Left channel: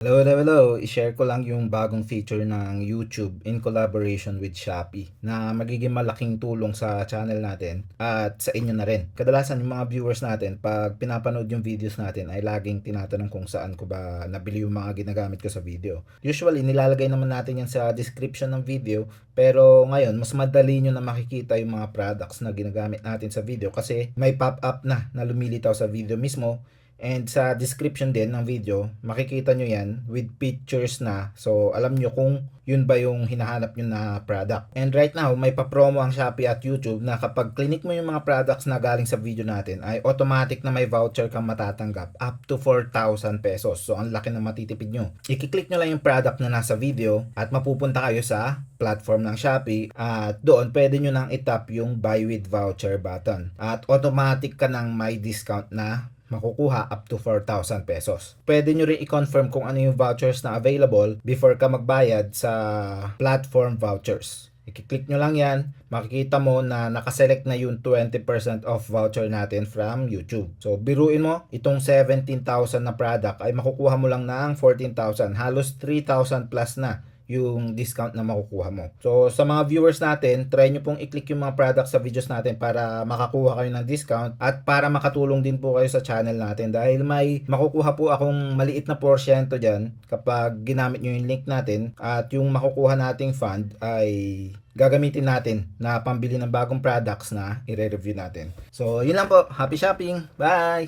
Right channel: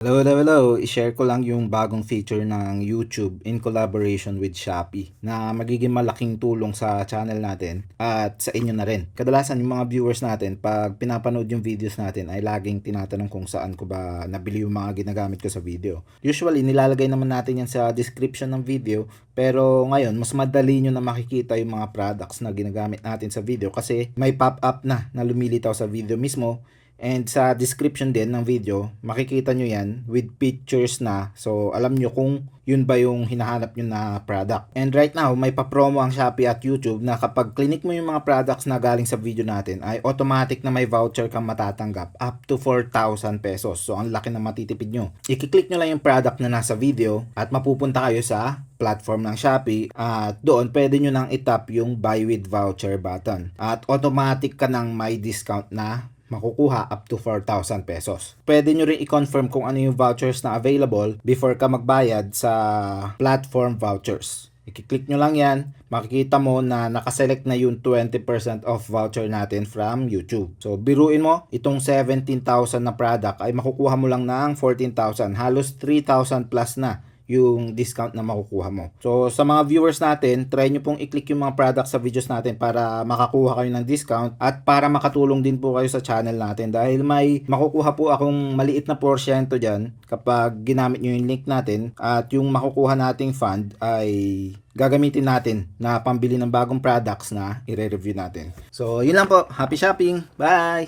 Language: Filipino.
Hello, hello, hello. I-share ko lang yung bagong feature ng YouTube in collaboration with Shopee na magiging malaking tulong sa channel natin at sa inyo na rin. Kadalasan yung mga viewers natin, pag pinapanood yung videos natin ay laging tinatanong kung saan ko ba nabili yung mga ginagamit ko sa video. Usually, nilalagay naman natin yan sa description ng video, pero ngayon, mas madali nyo na makikita yung mga products na ginagamit natin sa video kasi may pop-up na lumilitaw sa video mismo. And sa description din ng video, makikita nyo yan with pictures na. So, alam nyo kung yun ba yung hinahanap nyo na product. And right now, may pa-promo ang Shopee at YouTube na kapag click mo yung mga products na galing sa video natin, ay automatic na may voucher kang matatanggap up to 4,000 pesos. So, ang laki na matitipid nyo. I-click nyo lang yung product na nasa video at mapupunta kayo sa platform ng Shopee at doon pwede nyo nang itap yung buy with voucher button. At automatic ka nang may discount na makukuha up to 4,000 pesos. Pwede nyo rin i-confirm kung ano yung vouchers na available before ka magbayad sa platform vouchers. I-click nyo lang yan, makikita mo na nakaselect na yung 20% off voucher natin from YouTube. So, biruin mo, itong 17,000 na product ay makukuha mo lang ng 14,000. Halos 3,000 plus na yung discount na makukuha mo. So, sa mga viewers natin, try nyo pong i-click yung mga products sa videos natin para makakuha kayo ng discount at para makatulong din po kayo sa channel natin dahil may makukuha po akong maliit na porsyento dyan kapag ginamit nyo yung link natin at yung makukuha nating fund ay gagamitin natin na pambili ng bagong products na i-review natin. So, yun lang po. Happy shopping! Bye!